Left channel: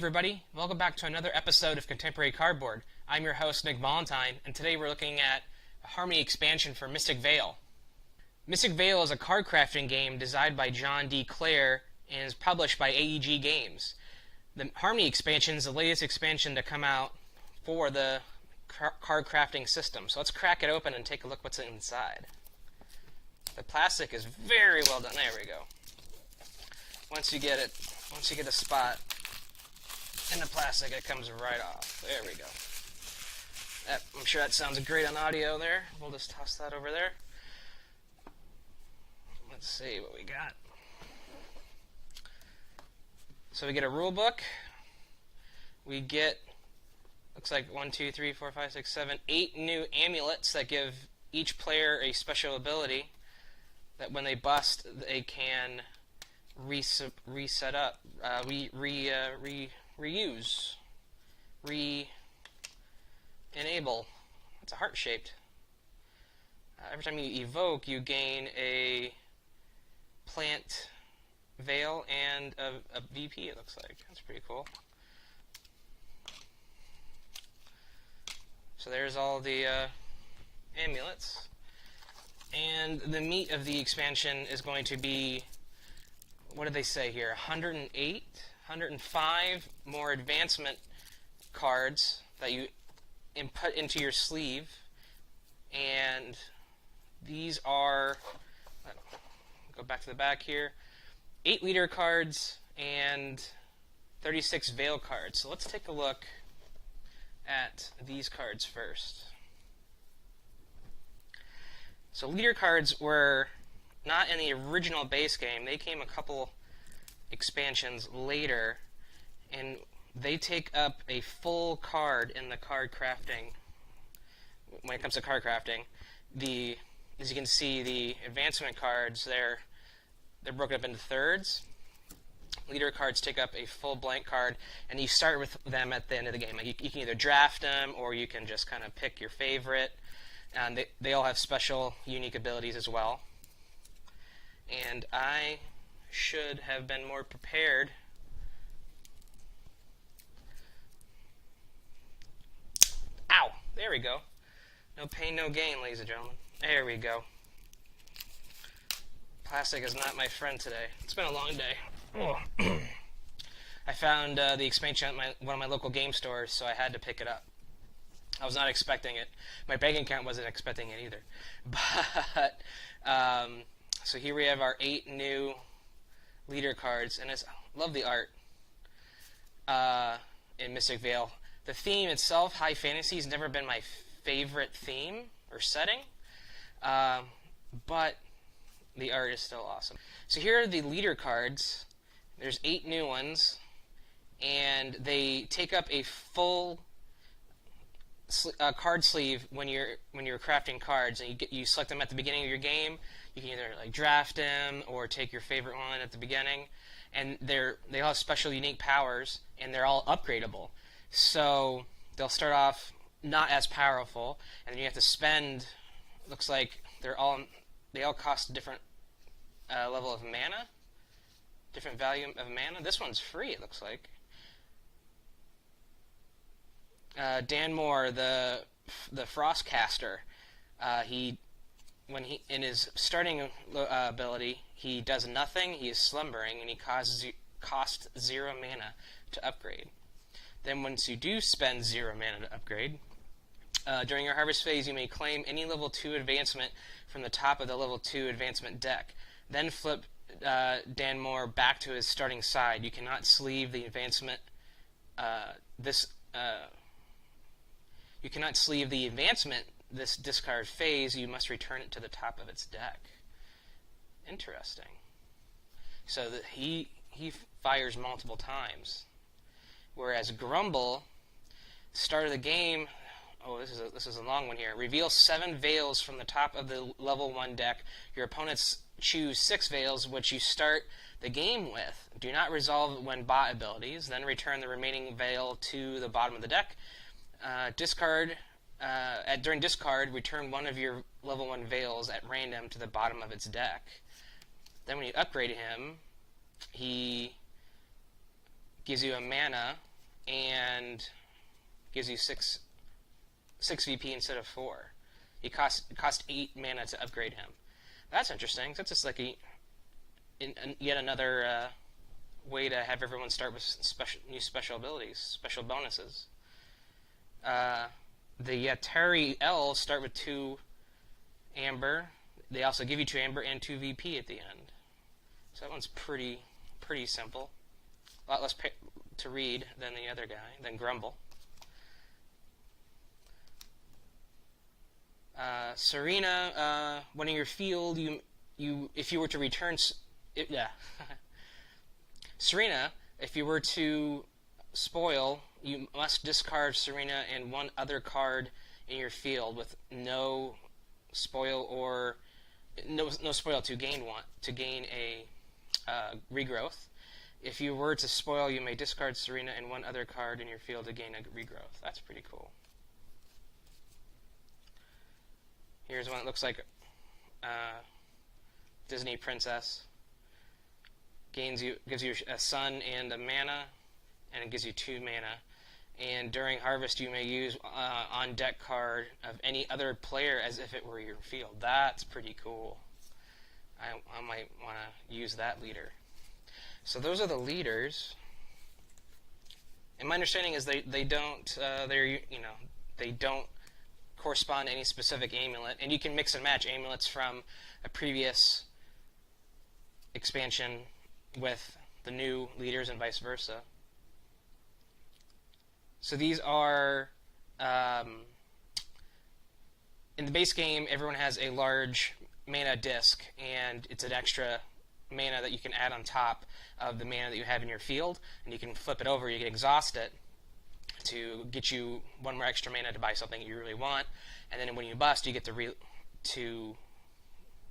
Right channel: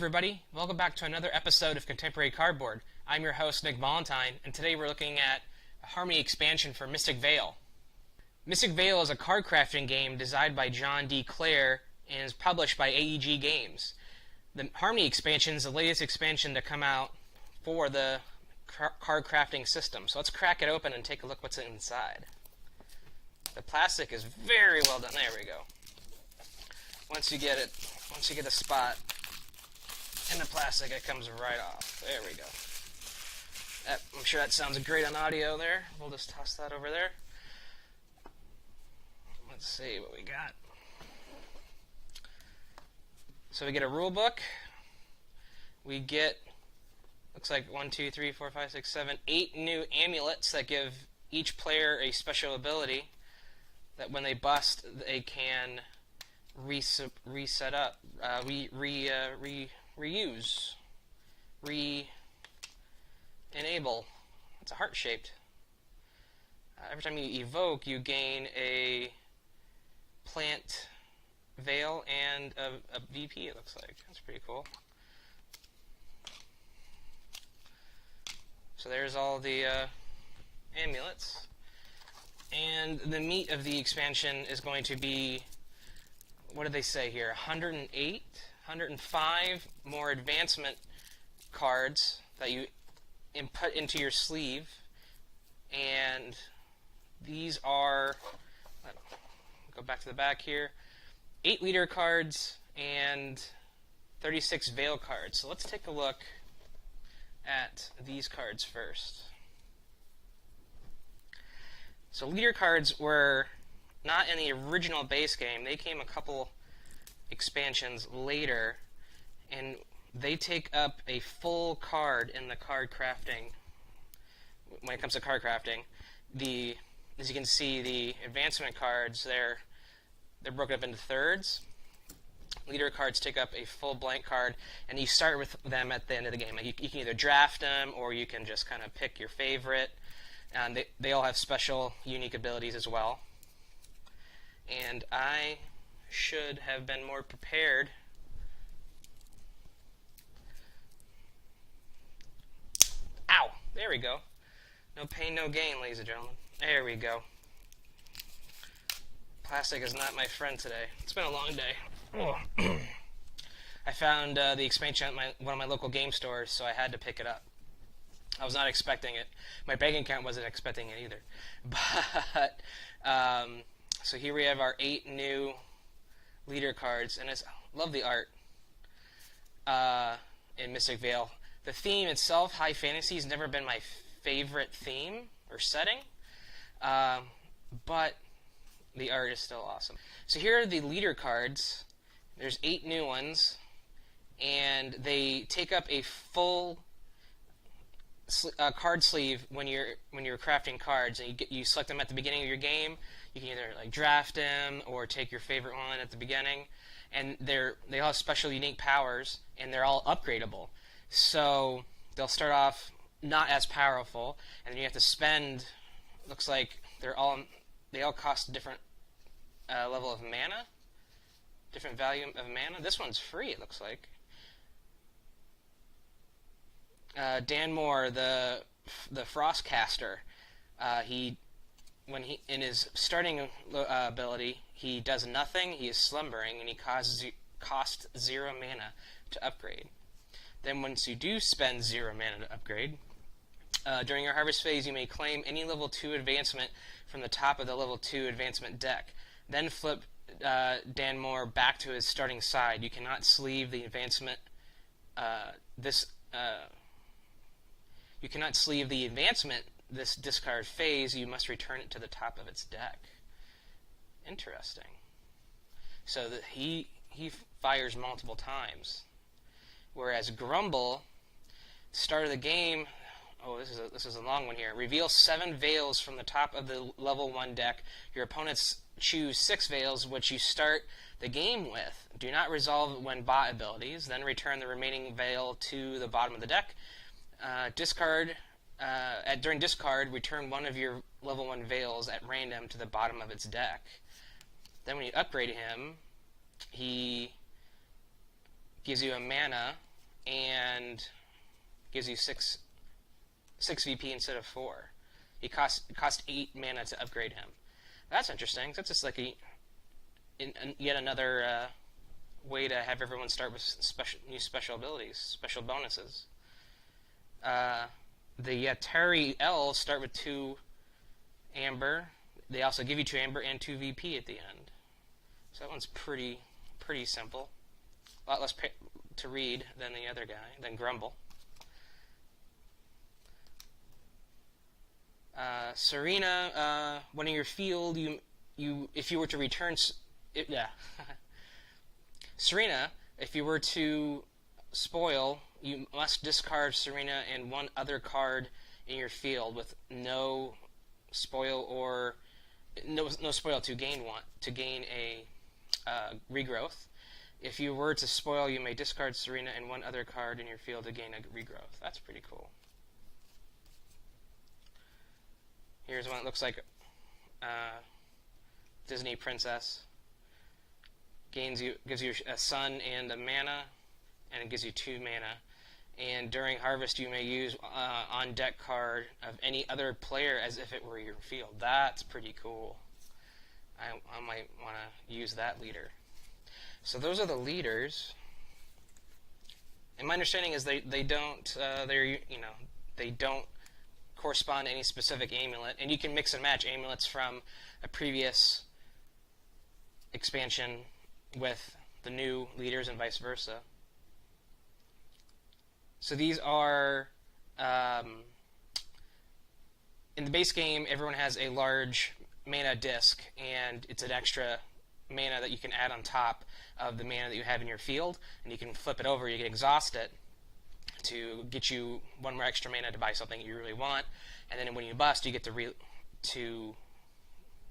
everybody, welcome back to another episode of Contemporary Cardboard. I'm your host, Nick Valentine, and today we're looking at a Harmony expansion for Mystic Vale. Mystic Vale is a card crafting game designed by John D. Clare and is published by AEG Games. The Harmony expansion is the latest expansion to come out for the card crafting system. So let's crack it open and take a look what's inside. The plastic is very well done. There we go. Once you get the spot in the plastic, it comes right off. There we go. I'm sure that sounds great on audio there. We'll just toss that over there. Let's see what we got. So we get a rule book. We get, looks like 8 new amulets that give each player a special ability that when they bust, they can reset up, reuse, enable. It's a heart-shaped. Every time you evoke, you gain a plant veil and a VP, it looks like. That's pretty cool. So there's all the amulets. And the meat of the expansion is going to be, what did they say here? 105 more advancement cards that you input into your sleeve. And these are, go back to the back here, 8 leader cards and 36 veil cards. So let's take a look at these cards first. So leader cards were not in the original base game. They came a couple expansions later, and they take up a full card in the card crafting. When it comes to card crafting, as you can see, the advancement cards, they're broken up into thirds. Leader cards take up a full blank card, and you start with them at the end of the game. Like you can either draft them, or you can just kind of pick your favorite. And they all have special, unique abilities as well. And I should have been more prepared. Ow! There we go. No pain, no gain, ladies and gentlemen. There we go. Plastic is not my friend today. It's been a long day. Oh. I found the expansion at one of my local game stores, so I had to pick it up. I was not expecting it. My bank account wasn't expecting it either. But, so here we have our 8 new leader cards, and I love the art in Mystic Vale. The theme itself, high fantasy, has never been my favorite theme or setting, but the art is still awesome. So here are the leader cards. There's 8 new ones, and they take up a full card sleeve when you're crafting cards, and you select them at the beginning of your game. You can either like draft them or take your favorite one at the beginning, and they all have special unique powers, and they're all upgradable. So they'll start off not as powerful, and you have to spend. Looks like they all cost a different level of mana, different value of mana. This one's free, it looks like. Dan Moore, the Frostcaster, when he in his starting ability, he does nothing. He is slumbering, and he costs 0 mana to upgrade. Then once you do spend 0 mana to upgrade, during your harvest phase, you may claim any level 2 advancement from the top of the level 2 advancement deck. Then flip Dan Moore back to his starting side. You cannot sleeve the advancement. You cannot sleeve the advancement this discard phase. You must return it to the top of its deck. Interesting. So that he fires multiple times, whereas Grumble, start of the game. Oh, this is a long one here. Reveal 7 veils from the top of the level 1 deck. Your opponents choose 6 veils, which you start the game with. Do not resolve when bought abilities. Then return the remaining veil to the bottom of the deck. During discard, return one of your level 1 veils at random to the bottom of its deck. Then when you upgrade him, he gives you a mana and gives you 6 VP instead of 4. It cost 8 mana to upgrade him. That's interesting. That's just like yet another way to have everyone start with new special abilities, special bonuses. The Yatari Elves start with 2 Amber. They also give you 2 Amber and 2 VP at the end. So that one's pretty simple. A lot less to read than the other guy, than Grumble. Serena, when in your field, if you were to return, Serena, if you were to spoil, you must discard Serena and 1 other card in your field with no spoil or no spoil to gain a regrowth. If you were to spoil, you may discard Serena and 1 other card in your field to gain a regrowth. That's pretty cool. Here's one that looks like Disney princess. Gives you a sun and a mana, and it gives you 2 mana. And during harvest, you may use on deck card of any other player as if it were your field. That's pretty cool. I might want to use that leader. So those are the leaders. And my understanding is they don't correspond to any specific amulet, and you can mix and match amulets from a previous expansion with the new leaders and vice versa. So these are in the base game, everyone has a large mana disc, and it's an extra mana that you can add on top of the mana that you have in your field, and you can flip it over. You can exhaust it to get you 1 more extra mana to buy something you really want, and then when you bust, you get to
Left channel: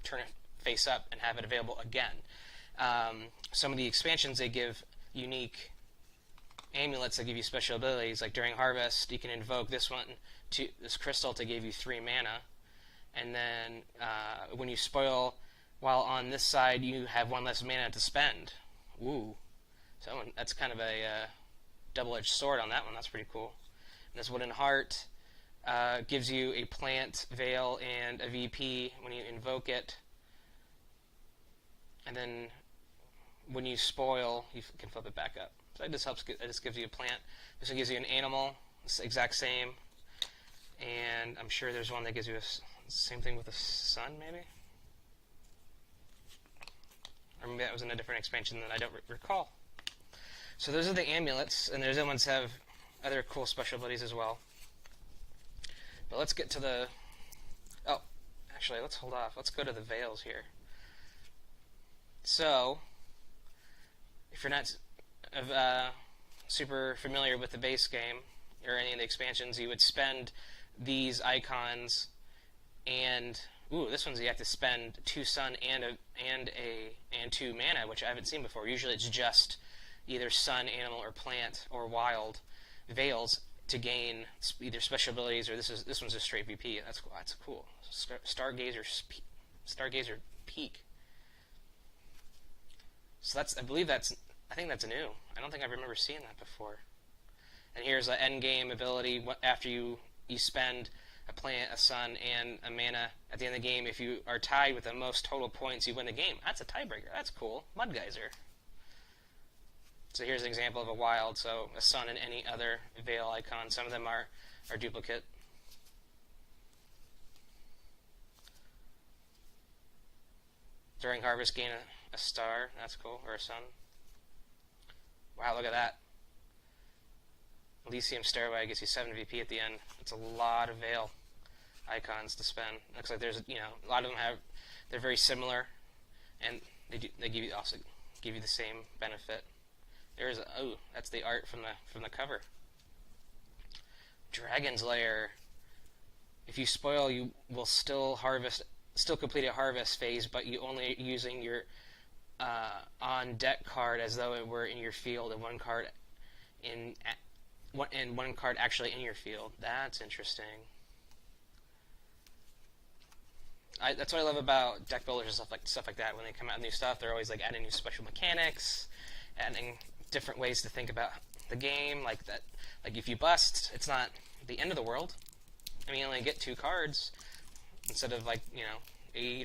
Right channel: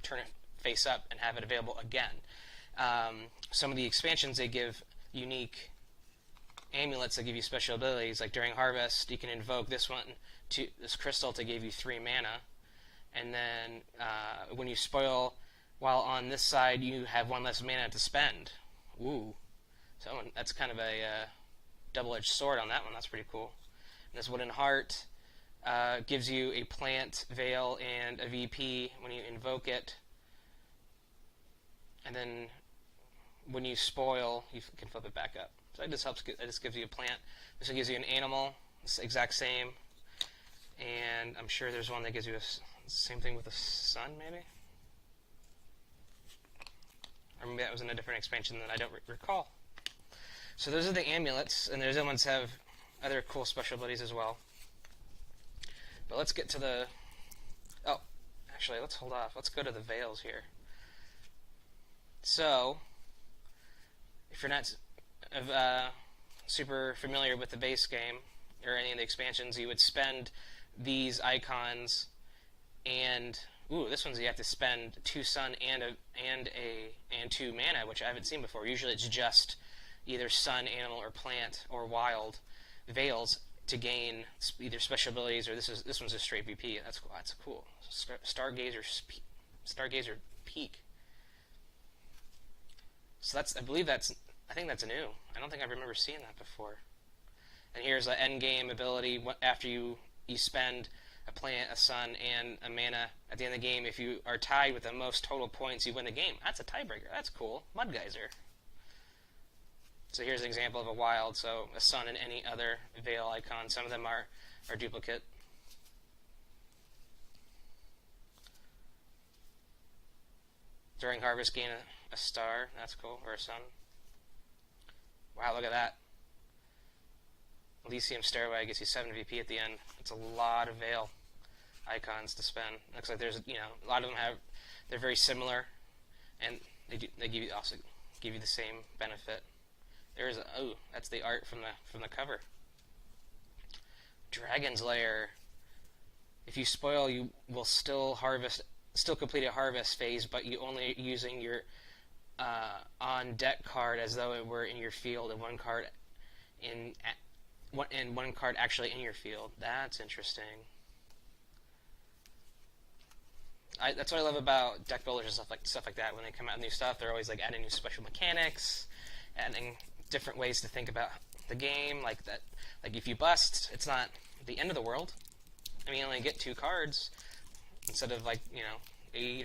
turn it face up and have it available again. Some of the expansions, they give unique amulets that give you special abilities. Like during harvest, you can invoke this crystal to give you 3 mana, and then when you spoil, while on this side, you have 1 less mana to spend. Ooh, so that's kind of a double-edged sword on that one. That's pretty cool. And this Wooden Heart gives you a plant, veil, and a VP when you invoke it. And then when you spoil, you can flip it back up. So that just gives you a plant. This one gives you an animal. It's the exact same. And I'm sure there's one that gives you same thing with the sun, maybe? Or maybe that was in a different expansion that I don't recall. So those are the amulets, and those other ones have other cool special abilities as well. But let's get to the... Oh, actually, let's hold off. Let's go to the veils here. So, if you're not super familiar with the base game, or any of the expansions, you would spend these icons, and... Ooh, this one's you have to spend 2 sun and 2 mana, which I haven't seen before. Usually it's just either sun, animal, or plant, or wild veils to gain either special abilities, or this one's a straight VP. That's cool. That's cool. Stargazer Peak. So I think that's new. I don't think I remember seeing that before. And here's an end game ability. After you spend a plant, a sun, and a mana at the end of the game, if you are tied with the most total points, you win the game. That's a tiebreaker. That's cool. Mud Geyser. So here's an example of a wild. So a sun and any other veil icon. Some of them are duplicate. During harvest, gain a star. That's cool. Or a sun. Wow, look at that. Elysium Stairway gives you 7 VP at the end. That's a lot of veil icons to spend. Looks like there's, a lot of them they're very similar, and they also give you the same benefit. That's the art from the cover. Dragon's Lair. If you spoil, you will still complete a harvest phase, but you only using your on deck card as though it were in your field, and 1 card and 1 card actually in your field. That's interesting. That's what I love about deck builders and stuff like that. When they come out with new stuff, they're always like adding new special mechanics, adding different ways to think about the game, like that. Like if you bust, it's not the end of the world. I mean, you only get 2 cards instead of 8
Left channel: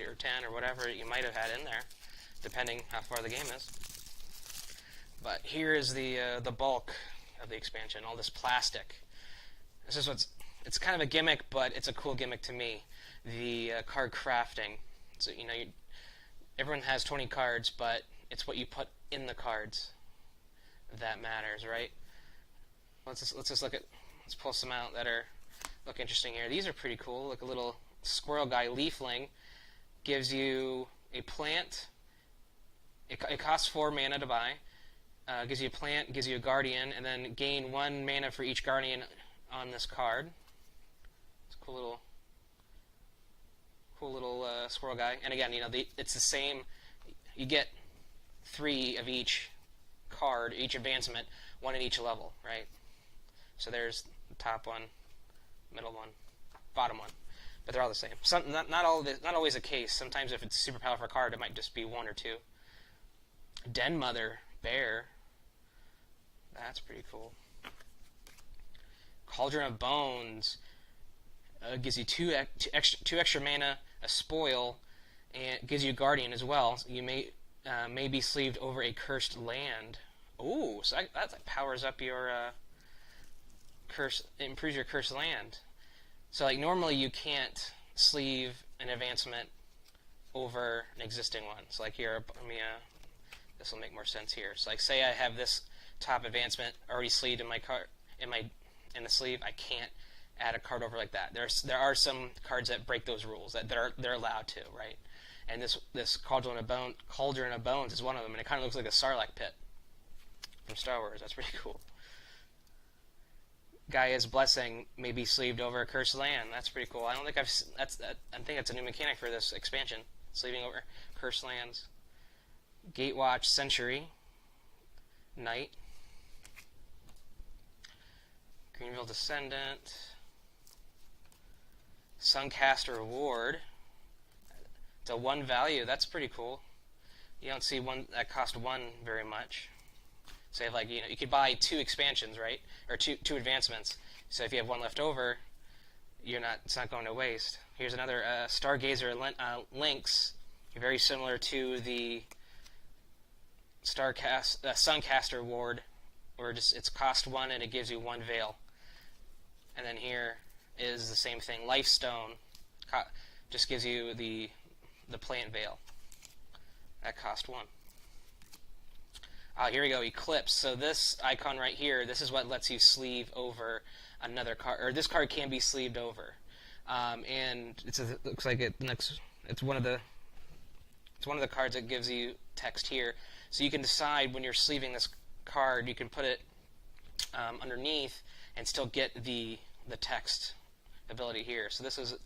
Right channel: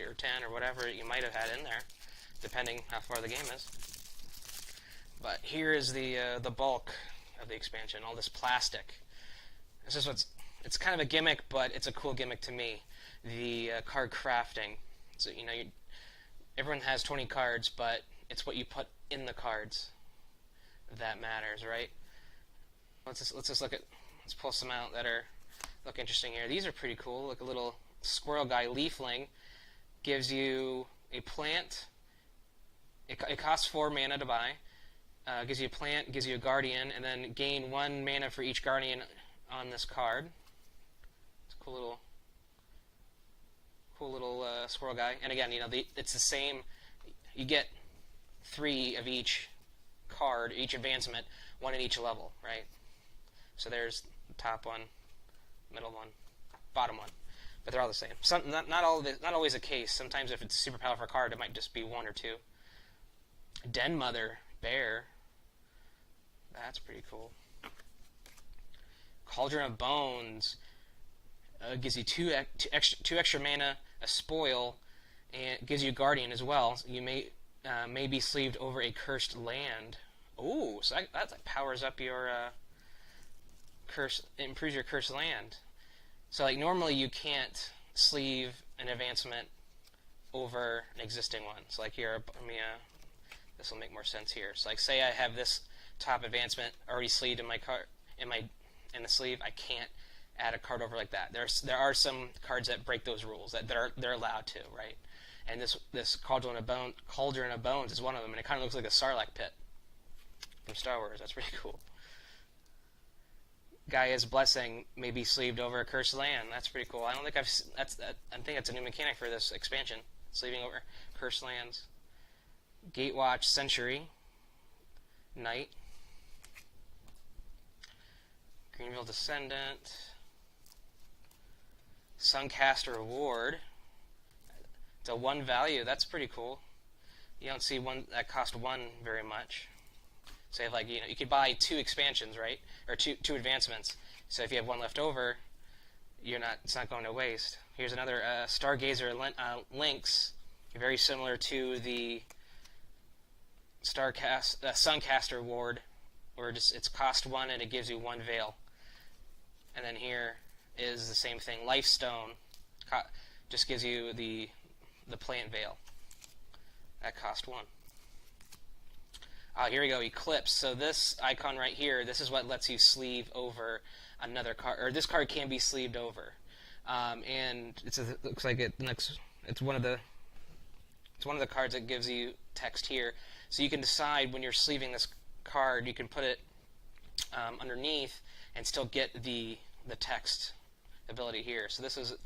or 10 or whatever you might have had in there, depending how far the game is. But here is the bulk of the expansion, all this plastic. This is it's kind of a gimmick, but it's a cool gimmick to me. The card crafting. So everyone has 20 cards, but it's what you put in the cards that matters, right? Let's pull some out that look interesting here. These are pretty cool. Like a little squirrel guy, Leafling, gives you a plant. It costs 4 mana to buy. Gives you a plant, gives you a guardian, and then gain 1 mana for each guardian on this card. It's a cool little squirrel guy. And again, it's the same. You get 3 of each card, each advancement, 1 in each level, right? So there's the top one, middle one, bottom one, but they're all the same. Not always the case. Sometimes if it's a super powerful card, it might just be 1 or 2. Den Mother Bear. That's pretty cool. Cauldron of Bones gives you 2 extra mana, a spoil, and gives you a guardian as well. So you may be sleeved over a cursed land. Ooh, so that powers up your improves your cursed land. So normally you can't sleeve an advancement over an existing one. So here, this will make more sense here. So say I have this top advancement already sleeved in my card in the sleeve, I can't add a card over like that. There are some cards that break those rules that they're allowed to, right? And this Cauldron of Bones is one of them, and it kind of looks like a Sarlacc pit from Star Wars. That's pretty cool. Gaia's Blessing may be sleeved over a cursed land. That's pretty cool. I think that's a new mechanic for this expansion, sleeving over cursed lands. Gatewatch Century Knight. Greenville Descendant. Suncaster Ward. It's a 1 value. That's pretty cool. You don't see one that cost 1 very much. Say you could buy 2 expansions, right? Or two advancements. So if you have 1 left over, it's not going to waste. Here's another Stargazer Lynx, very similar to the Suncaster Ward, or it's cost 1 and it gives you 1 veil. And then here is the same thing. Lifestone just gives you the plant veil. That cost 1. Here we go, Eclipse. So this icon right here, this is what lets you sleeve over another card, or this card can be sleeved over. And it looks like it's one of the cards that gives you text here. So you can decide when you're sleeving this card, you can put it underneath and still get the text ability here. So this is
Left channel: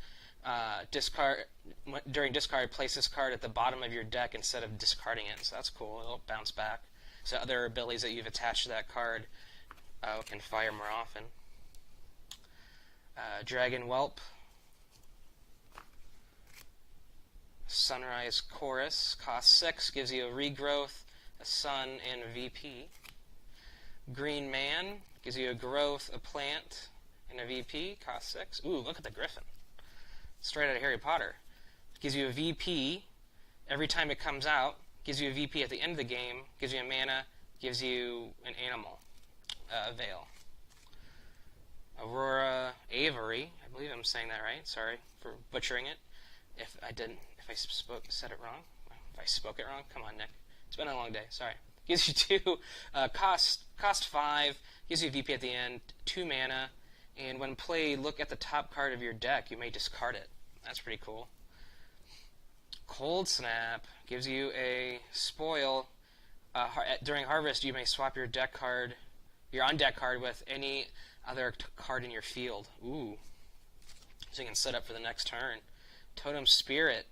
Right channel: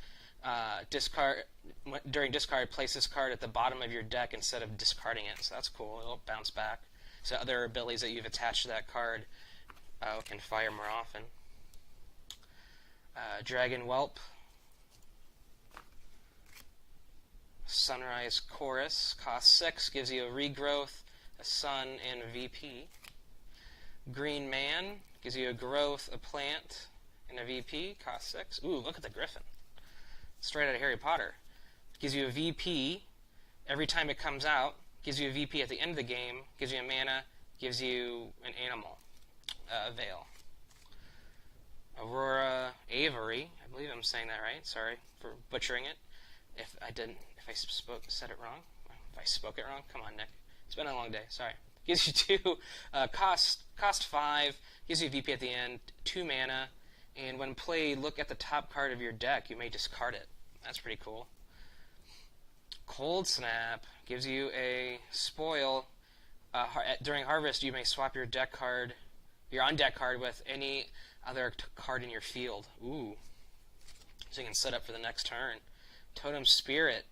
during discard, place this card at the bottom of your deck instead of discarding it. So that's cool. It'll bounce back. So other abilities that you've attached to that card can fire more often. Dragon Whelp. Sunrise Chorus. Cost 6. Gives you a regrowth, a sun, and a VP. Green Man. Gives you a growth, a plant, and a VP. Cost 6. Ooh, look at the griffin. Straight out of Harry Potter. Gives you a VP every time it comes out. Gives you a VP at the end of the game. Gives you a mana. Gives you an animal. Veil. Aurora Avery. I believe I'm saying that right. Sorry for butchering it. If I said it wrong. If I spoke it wrong. Come on, Nick. It's been a long day. Sorry. Gives you 2. Cost 5. Gives you a VP at the end. 2 mana. And when played, look at the top card of your deck. You may discard it. That's pretty cool. Cold Snap gives you a spoil. During Harvest, you may swap your on-deck card with any other card in your field. Ooh. So you can set up for the next turn. Totem Spirit.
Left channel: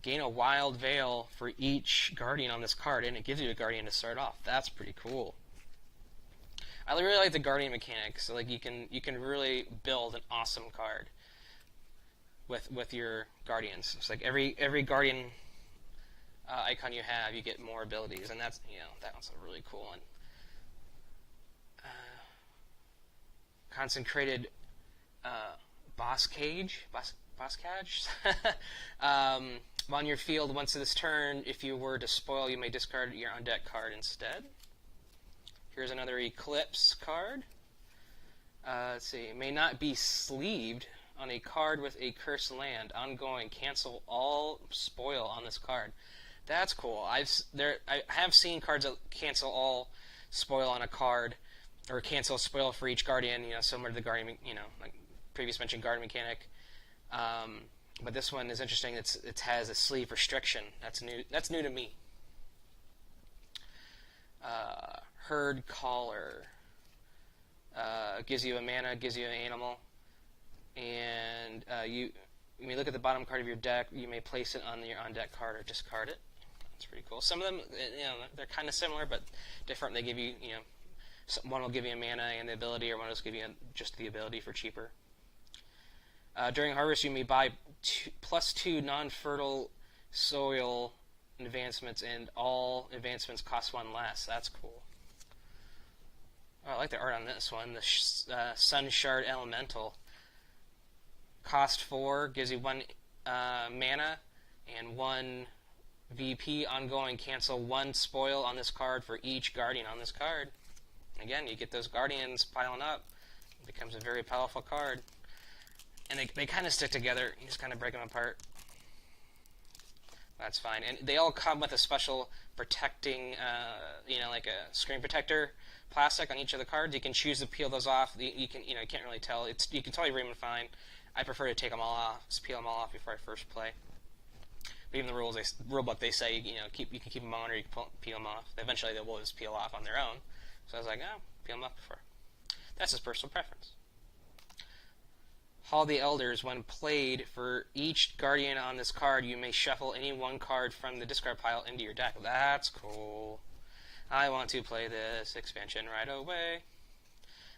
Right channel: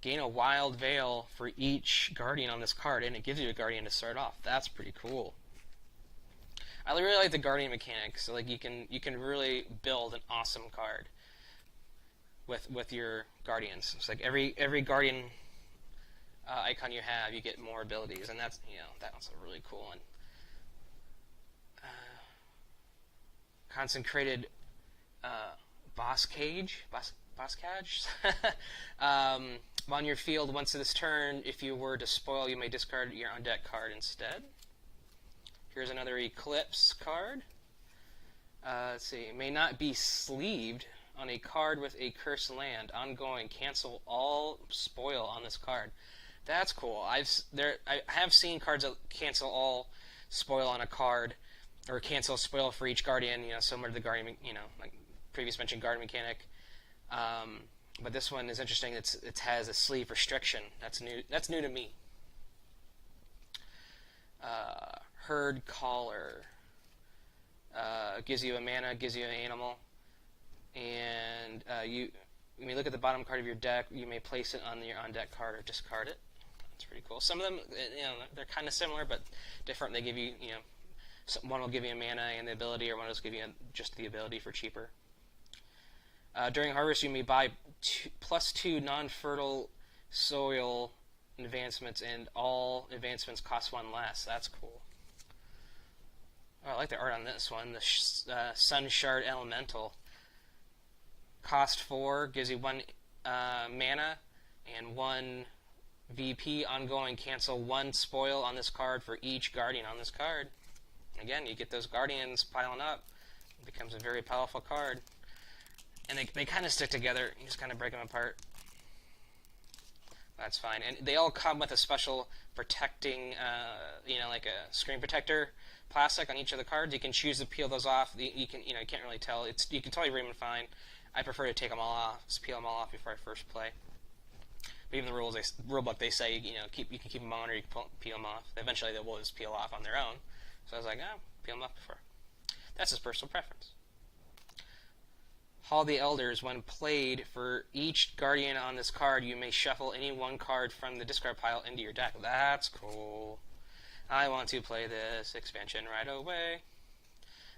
Gain a wild veil for each guardian on this card, and it gives you a guardian to start off. That's pretty cool. I really like the guardian mechanic. So you can really build an awesome card with your guardians. It's like every guardian icon you have, you get more abilities, and that's that one's a really cool one. consecrated boss cage. Boss catch? On your field once this turn, if you were to spoil, you may discard your on-deck card instead. Here's another Eclipse card. Let's see. May not be sleeved on a card with a cursed land. Ongoing. Cancel all spoil on this card. That's cool. I have seen cards that cancel all spoil on a card, or cancel spoil for each guardian. Similar to the guardian, like previous mentioned guardian mechanic. But this one is interesting. It has a sleeve restriction. That's new. That's new to me. Herd Caller. Gives you a mana, gives you an animal, and you may look at the bottom card of your deck. You may place it on your on-deck card or discard it. That's pretty cool. Some of them, they're kind of similar but different. They give you, one will give you a mana and the ability, or one will give you just the ability for cheaper. During harvest, you may buy +2 non-fertile soil advancements, and all advancements cost 1 less. That's cool. Oh, I like the art on this one. The Sun Shard Elemental. Cost 4, gives you 1 mana and 1 VP. Ongoing. Cancel 1 spoil on this card for each guardian on this card. Again, you get those guardians piling up. It becomes a very powerful card. And they kind of stick together. You just kind of break them apart. That's fine. And they all come with a special protecting, like a screen protector plastic on each of the cards. You can choose to peel those off. You can't really tell. You can totally read them fine. I prefer to take them all off, just peel them all off before I first play. But even the rulebook, they say you can keep them on or you can peel them off. Eventually, they will just peel off on their own. So I was like, peel them off before. That's his personal preference. Hall the Elders. When played, for each guardian on this card, you may shuffle any 1 card from the discard pile into your deck. That's cool. I want to play this expansion right away.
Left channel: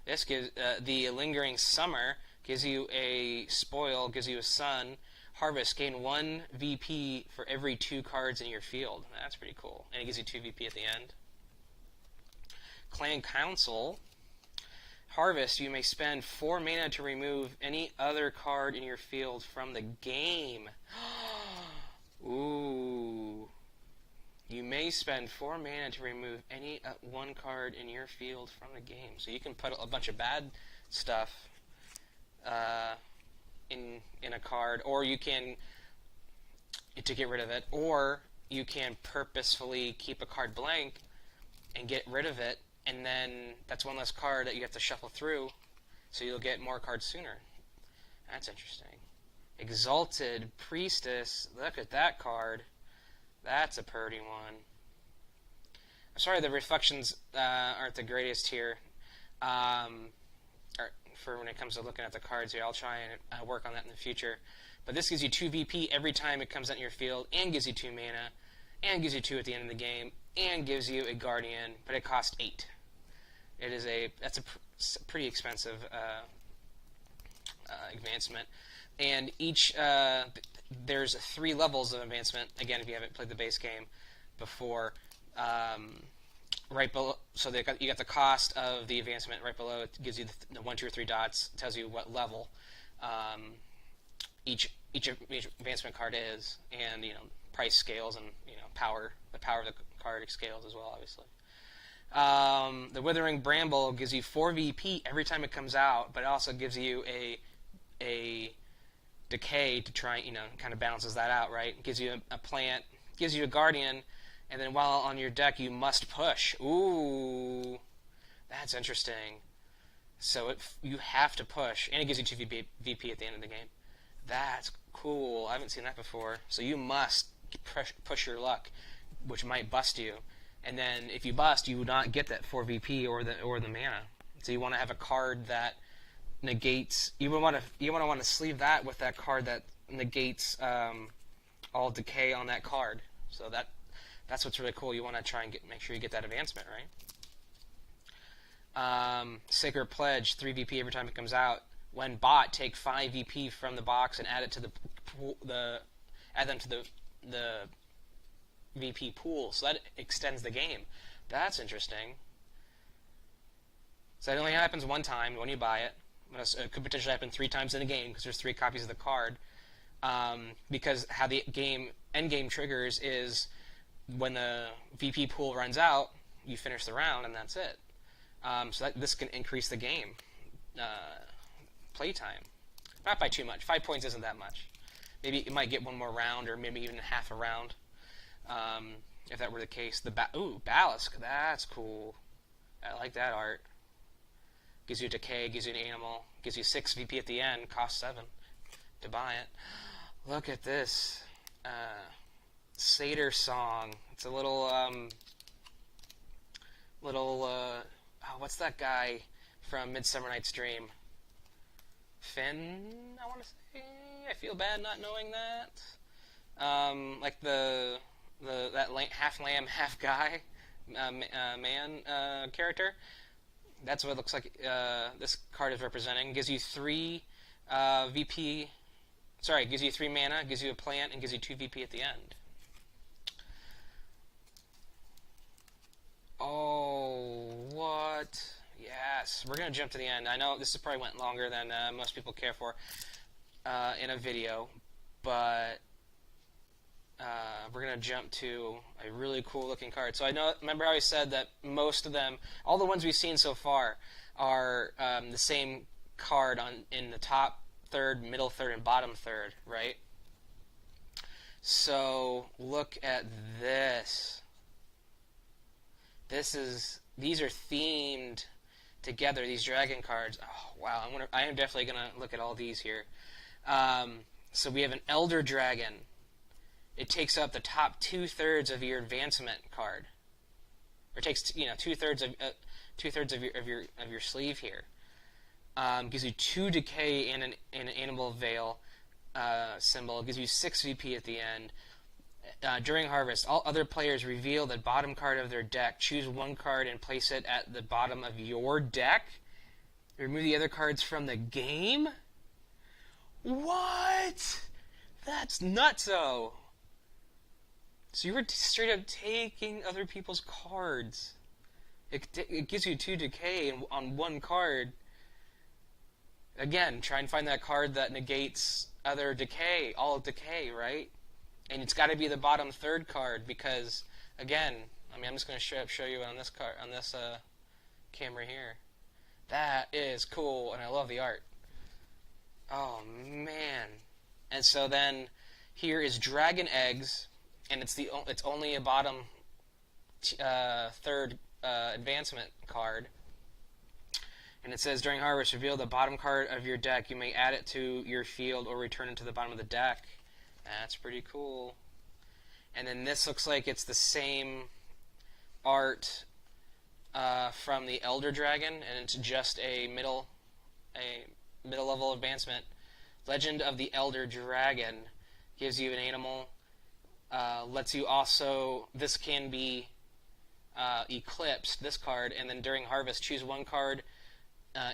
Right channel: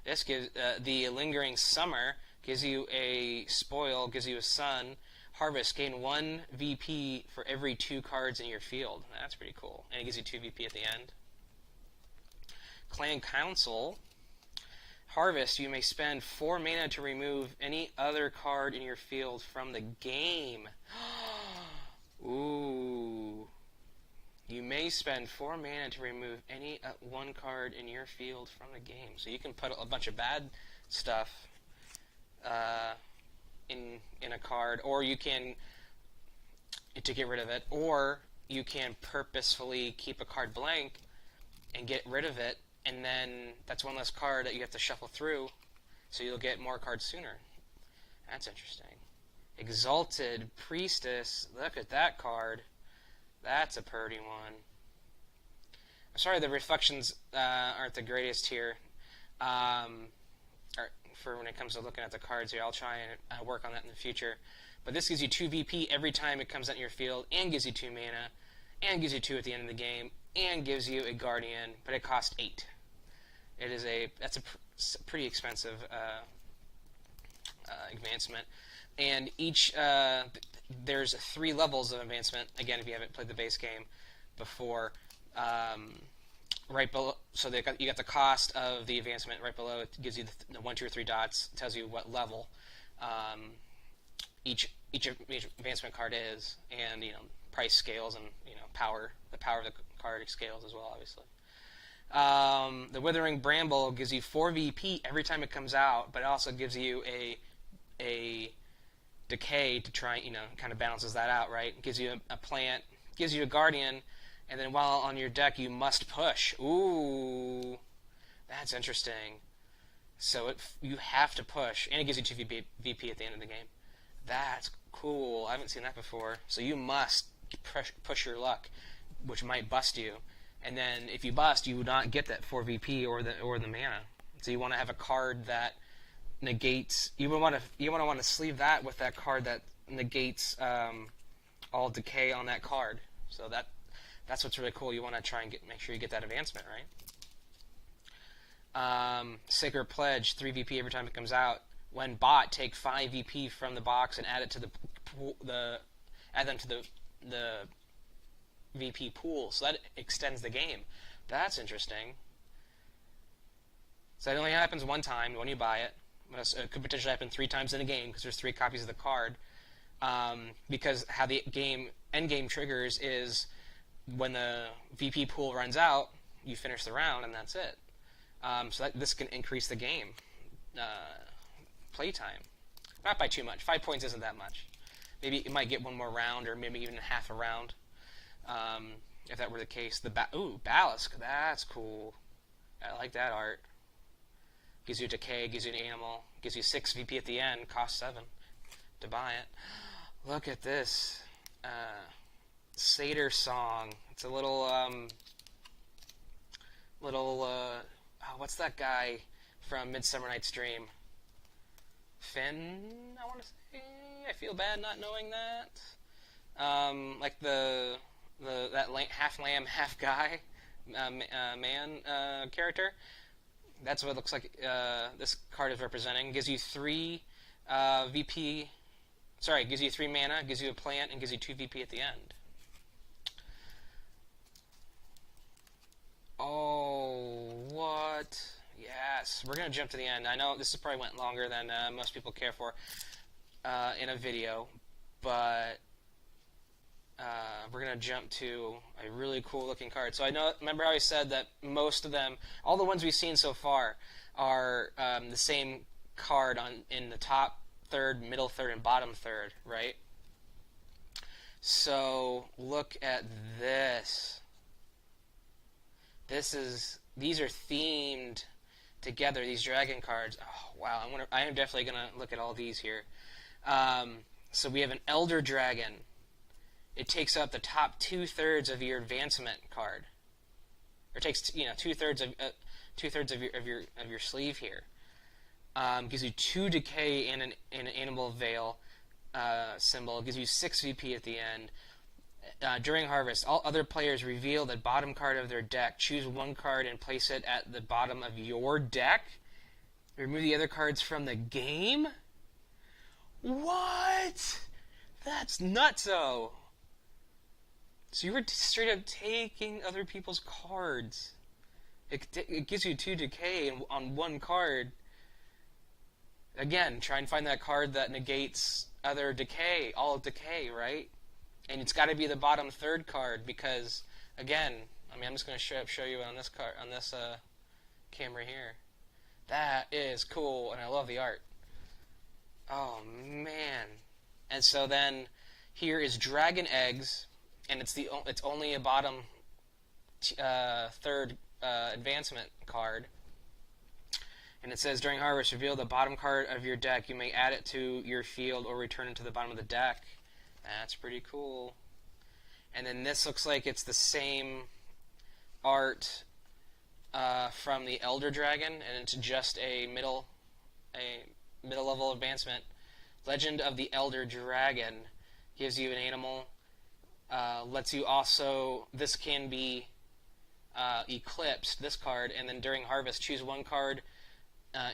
This gives the Lingering Summer, gives you a spoil, gives you a sun. Harvest, gain 1 VP for every 2 cards in your field. That's pretty cool. And it gives you 2 VP at the end. Clan Council. Harvest, you may spend 4 mana to remove any other card in your field from the game. Ooh. You may spend 4 mana to remove any 1 card in your field from the game. So you can put a bunch of bad stuff in a card, or you can, to get rid of it, or you can purposefully keep a card blank and get rid of it, and then that's 1 less card that you have to shuffle through, so you'll get more cards sooner. That's interesting. Exalted Priestess. Look at that card. That's a pretty one. I'm sorry the reflections aren't the greatest here. For when it comes to looking at the cards here, I'll try and work on that in the future. But this gives you 2 VP every time it comes out in your field, and gives you 2 mana, and gives you 2 at the end of the game, and gives you a guardian, but it costs 8. That's a pretty expensive advancement. And each there's 3 levels of advancement. Again, if you haven't played the base game before, right below. So you got the cost of the advancement right below. It gives you the 1, 2, or 3 dots. It tells you what level each advancement card is, and price scales, and power. The power of the card scales as well, obviously. The Withering Bramble gives you 4 VP every time it comes out, but it also gives you a decay to try, kind of balances that out, right? It gives you a plant, gives you a guardian, and then while on your deck, you must push. Ooh, that's interesting. So you have to push, and it gives you 2 VP at the end of the game. That's cool. I haven't seen that before. So you must push your luck, which might bust you. And then if you bust, you would not get that 4 VP or the mana. So you want to have a card that negates. You want to sleeve that with that card that negates all decay on that card. So that's what's really cool. You want to try and make sure you get that advancement, right? Sacred Pledge, 3 VP every time it comes out. When bought, take 5 VP from the box and add it to add them to the VP pool. So that extends the game. That's interesting. So it only happens 1 time when you buy it. It could potentially happen 3 times in a game because there's 3 copies of the card. Because how the end game triggers is when the VP pool runs out, you finish the round and that's it. So this can increase the game playtime. Not by too much. 5 points isn't that much. Maybe it might get one more round, or maybe even half a round. If that were the case. Ballast. That's cool. I like that art. Gives you decay, gives you an animal, gives you 6 VP at the end, costs 7 to buy it. Look at this. Satyr Song. It's a little, what's that guy from Midsummer Night's Dream? Finn, I want to say. I feel bad not knowing that. Like that half lamb, half guy man character. That's what it looks like this card is representing. Gives you 3 VP. Sorry, gives you 3 mana, gives you a plant, and gives you 2 VP at the end. Oh, what? Yes, we're going to jump to the end. I know this probably went longer than most people care for in a video, but we're going to jump to a really cool looking card. So remember how I said that most of them, all the ones we've seen so far, are the same card in the top third, middle third, and bottom third, right? So look at this. These are themed together, these dragon cards. Oh, wow, I am definitely going to look at all these here. So we have an Elder Dragon. It takes up the top 2/3 of your advancement card. Or takes 2/3 of your sleeve here. Gives you 2 decay and an animal veil symbol. It gives you 6 VP at the end. During harvest, all other players reveal the bottom card of their deck. Choose 1 card and place it at the bottom of your deck. Remove the other cards from the game. What? That's nutso. So you were straight up taking other people's cards. It gives you 2 decay on 1 card. Again, try and find that card that negates other decay, all decay, right? And it's got to be the bottom 3rd card because, again, I'm just going to show you on this card, on this camera here. That is cool, and I love the art. Oh man! And so then here is Dragon Eggs, and it's only a bottom 3rd advancement card. And it says, during harvest, reveal the bottom card of your deck. You may add it to your field or return it to the bottom of the deck. That's pretty cool. And then this looks like it's the same art from the Elder Dragon, and it's just a middle level advancement. Legend of the Elder Dragon gives you an animal. Lets you also, this can be eclipsed, this card, and then during harvest, choose 1 card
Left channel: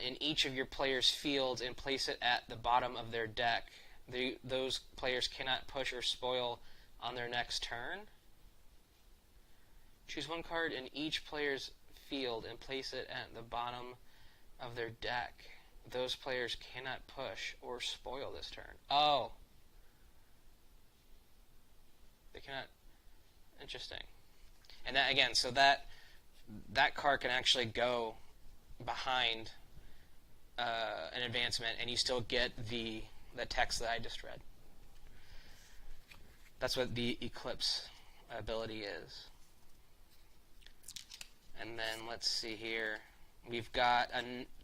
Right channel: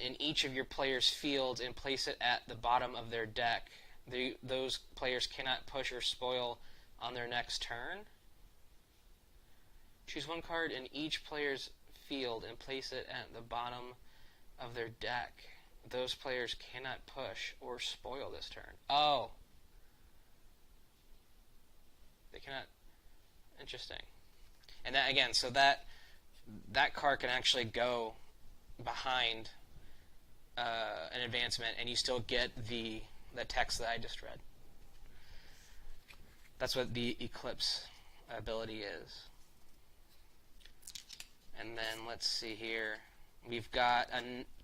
in each of your players' fields and place it at the bottom of their deck. Those players cannot push or spoil on their next turn. Choose 1 card in each player's field and place it at the bottom of their deck. Those players cannot push or spoil this turn. Oh. They cannot. Interesting. And that, again, so that card can actually go behind an advancement, and you still get the text that I just read. That's what the Eclipse ability is. And then let's see here. We've got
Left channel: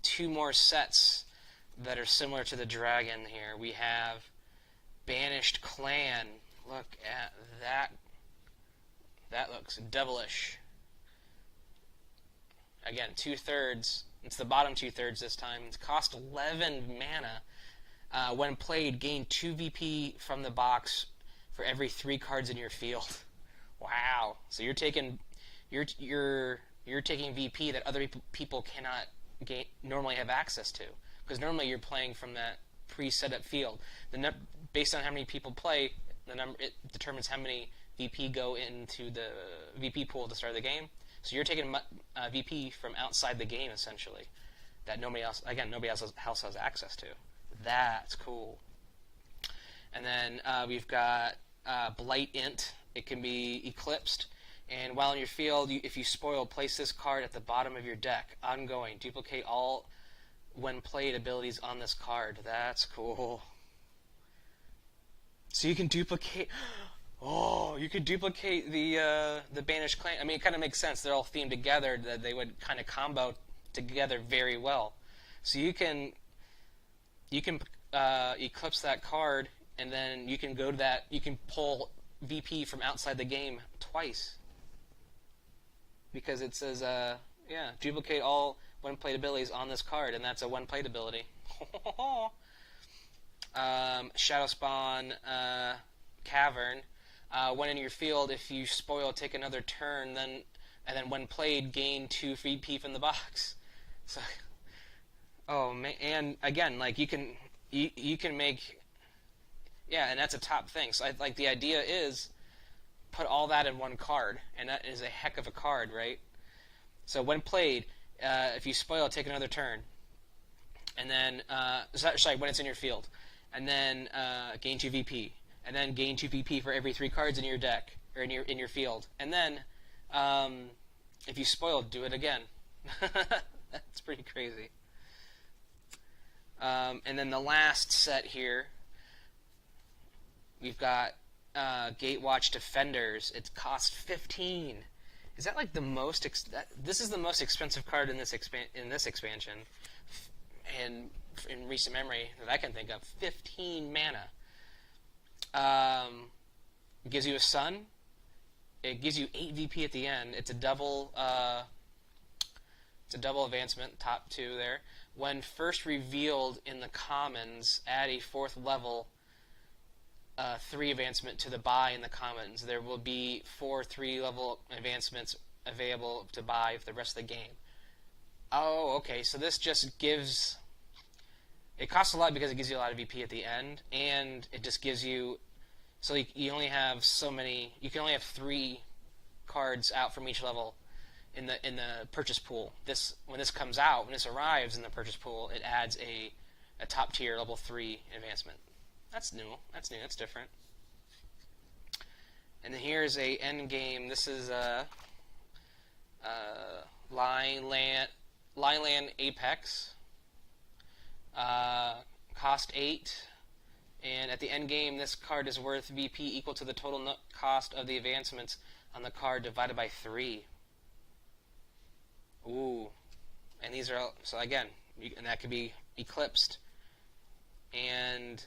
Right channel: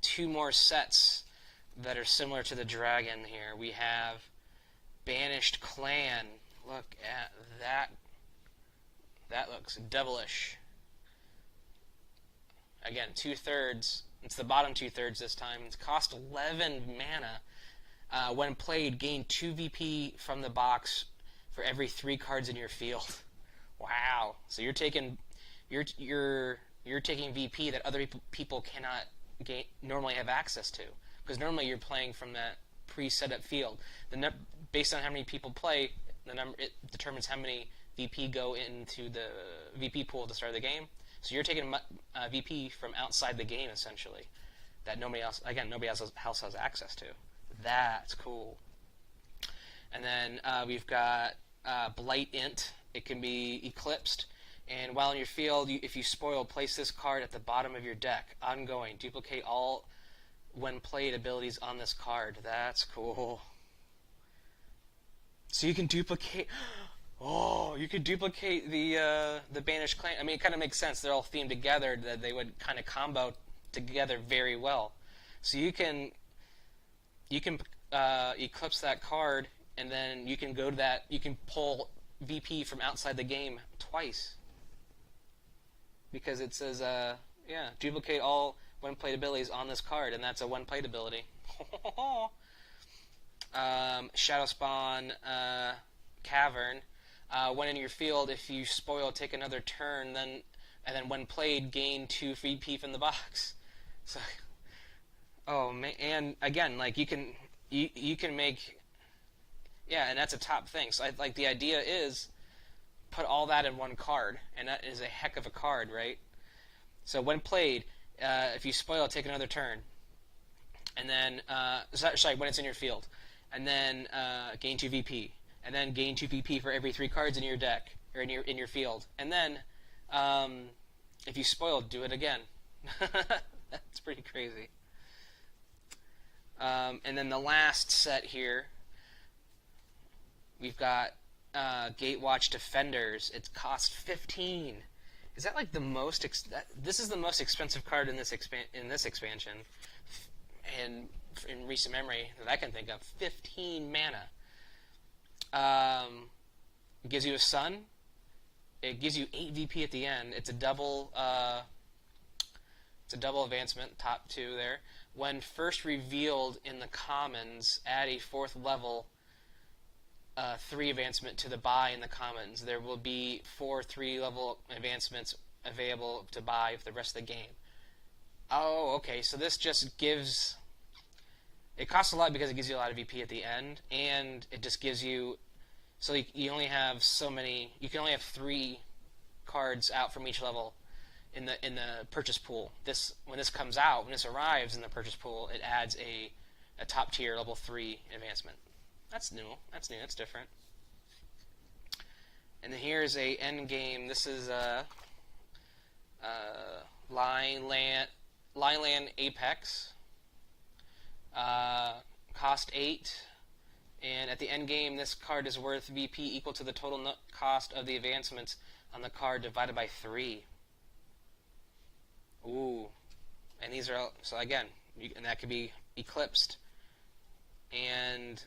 2 more sets that are similar to the dragon here. We have Banished Clan. Look at that. That looks devilish. Again, 2/3. It's the bottom 2/3 this time. It's cost 11 mana. When played, gain 2 VP from the box for every 3 cards in your field. Wow. So you're taking VP that other people cannot normally have access to, because normally you're playing from that pre-set up field. Based on how many people play, it determines how many VP go into the VP pool to start the game. So you're taking VP from outside the game, essentially. that nobody else has access to. That's cool. And then we've got Blight Int. It can be eclipsed. And while in your field, if you spoil, place this card at the bottom of your deck. Ongoing. Duplicate all when played abilities on this card. That's cool. So you can duplicate... Oh, you could duplicate the Banished Clan. I mean, it kind of makes sense. They're all themed together. That they would kind of combo together very well. So you can eclipse that card, and then you can go to that. You can pull VP from outside the game twice because it says duplicate all when played abilities on this card, and that's a when played ability. Shadow Spawn Cavern. When in your field, if you spoil, take another turn, and then when played, gain 2 VP from the box. So, oh man, and again, like you can make, and that's a top thing. So like the idea is put all that in one card, and that is a heck of a card, right? So when played, if you spoil, take another turn, and then sorry, when it's in your field, and then gain 2 VP. And then gain 2 VP for every 3 cards in your deck, or in your field. And then, if you spoil, do it again. That's pretty crazy. And then the last set here, we've got Gatewatch Defenders. It costs 15. Is that like the most? This is the most expensive card in this expansion, and in recent memory that I can think of. 15 mana. It gives you a sun. It gives you 8 VP at the end. It's a double advancement, top 2 there. When first revealed in the commons, add a 4th level 3 advancement to the buy in the commons. There will be 4 3-level advancements available to buy for the rest of the game. Oh, okay. So this just gives... It costs a lot because it gives you a lot of VP at the end, and it just gives you... So you only have so many... You can only have 3 cards out from each level in the purchase pool. When this comes out, when this arrives in the purchase pool, it adds a top tier level 3 advancement. That's new. That's different. And then here's a end game. This is Lineland Apex. Cost 8, and at the end game, this card is worth VP equal to the total cost of the advancements on the card divided by 3. Ooh, and these are so again, and that could be eclipsed. And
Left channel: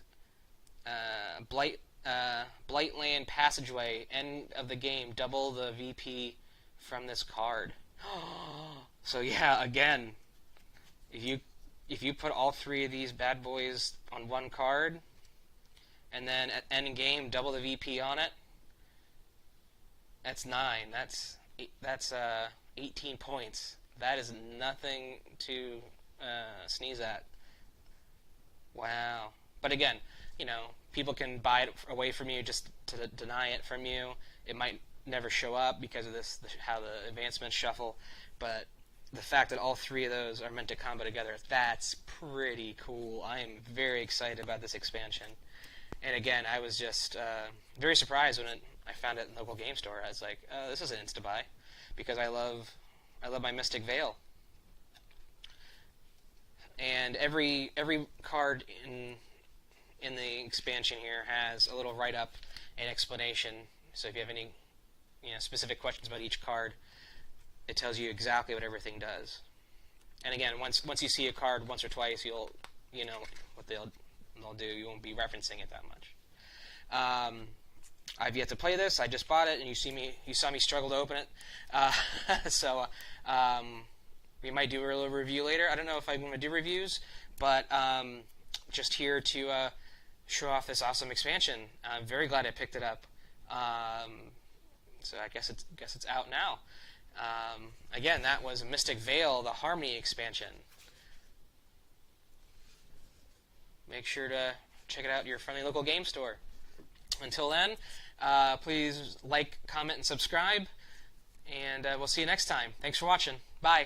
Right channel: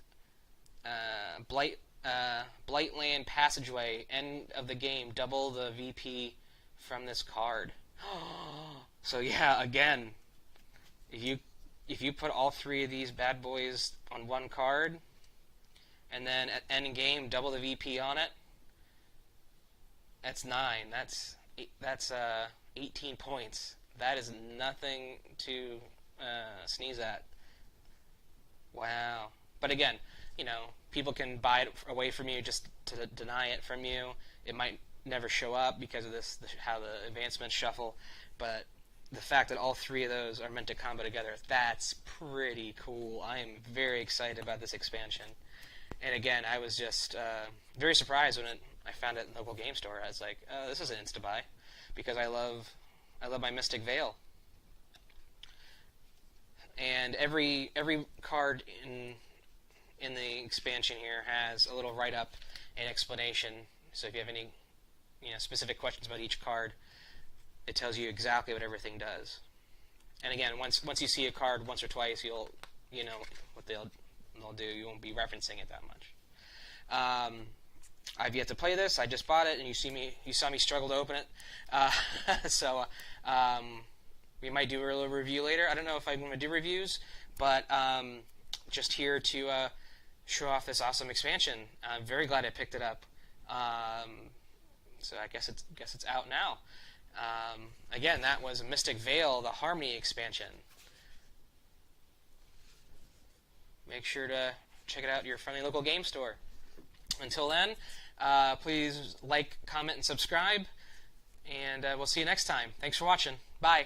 Blightland Passageway, end of the game, double the VP from this card. So yeah, again, if you put all 3 of these bad boys on one card, and then at end game double the VP on it, that's 9. That's 18 points. That is nothing to sneeze at. Wow. But again, people can buy it away from you just to deny it from you. It might never show up because of how the advancements shuffle, but the fact that all 3 of those are meant to combo together, that's pretty cool. I am very excited about this expansion. And again, I was just very surprised when I found it in the local game store. I was like, this is an insta-buy, because I love my Mystic Vale. And every card in the expansion here has a little write-up and explanation. So if you have any specific questions about each card, it tells you exactly what everything does. And again, once you see a card once or twice, you'll what they'll do. You won't be referencing it that much. I've yet to play this. I just bought it, and you saw me struggle to open it. So we might do a little review later. I don't know if I'm going to do reviews, but just here to show off this awesome expansion. I'm very glad I picked it up. So I guess it's out now. Again, that was Mystic Vale, the Harmony expansion. Make sure to check it out at your friendly local game store. Until then, please like, comment, and subscribe, and we'll see you next time. Thanks for watching. Bye.